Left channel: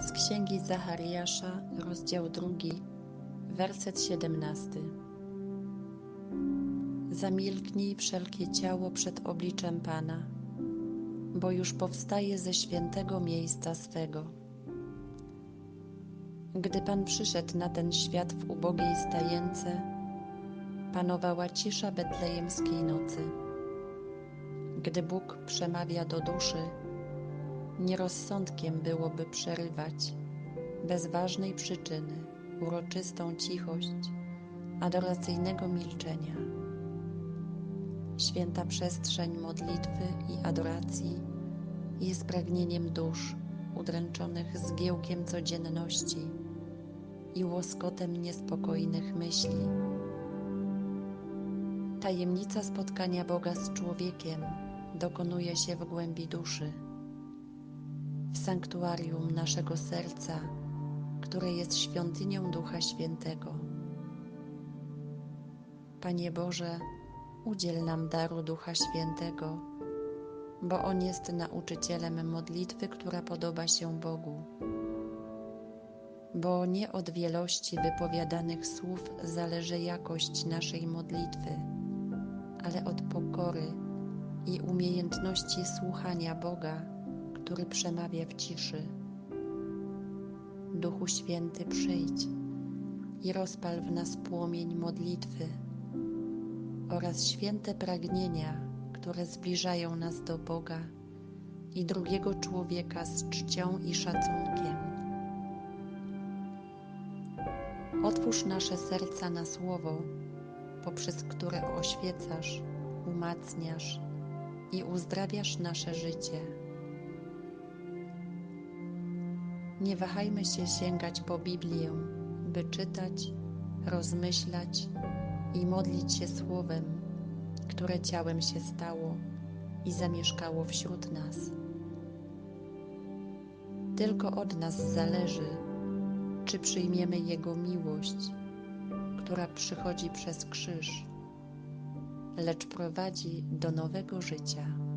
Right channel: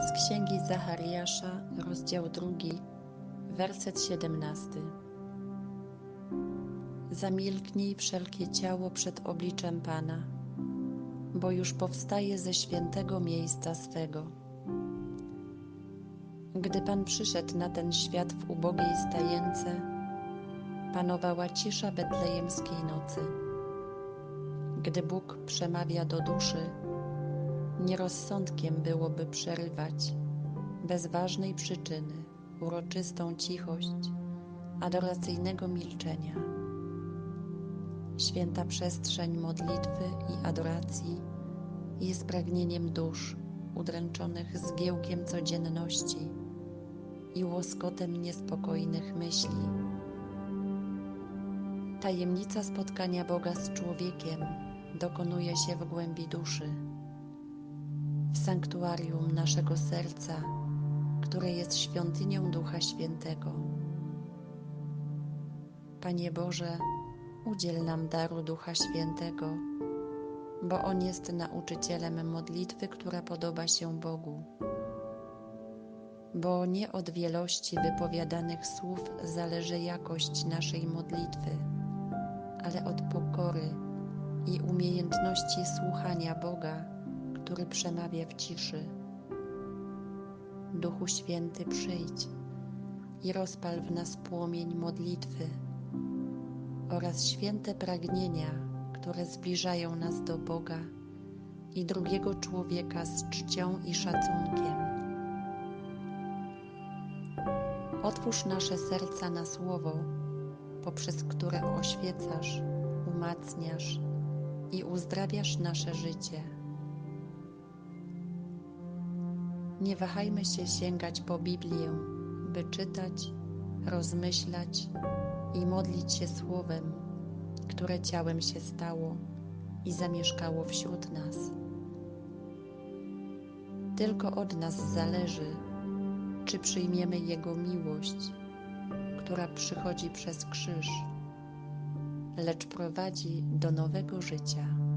Z księgi Zachariasza, rozdział drugi, werset siedemnasty. Zamilknij wszelkie ciało przed obliczem Pana, bo już powstaje ze świętego miejsca swego. Gdy Pan przyszedł na ten świat w ubogiej stajence, panowała cisza betlejemskiej nocy. Gdy Bóg przemawia do duszy, Nierozsądkiem byłoby przerywać bez ważnej przyczyny uroczystą cichość adoracyjnego milczenia. Święta przestrzeń modlitwy i adoracji jest pragnieniem dusz udręczonych zgiełkiem codzienności i łoskotem niespokojnych myśli. Tajemnica spotkania Boga z człowiekiem dokonuje się w głębi duszy w sanktuarium naszego serca, które jest świątynią Ducha Świętego. Panie Boże, udziel nam daru Ducha Świętego, bo On jest nauczycielem modlitwy, która podoba się Bogu. Bo nie od wielości wypowiadanych słów zależy jakość naszej modlitwy, ale od pokory i umiejętności słuchania Boga który przemawia w ciszy. Duchu Święty, przyjdź i rozpal w nas płomień modlitwy oraz święte pragnienia, które zbliżają nas do Boga i drugiego człowieka z czcią i szacunkiem. Otwórz nasze serca na słowo, poprzez które oświecasz, umacniasz i uzdrawiasz nasze życie. Nie wahajmy się sięgać po Biblię, by czytać, rozmyślać i modlić się Słowem, które ciałem się stało i zamieszkało wśród nas. Tylko od nas zależy, czy przyjmiemy Jego miłość, która przychodzi przez krzyż, lecz prowadzi do nowego życia.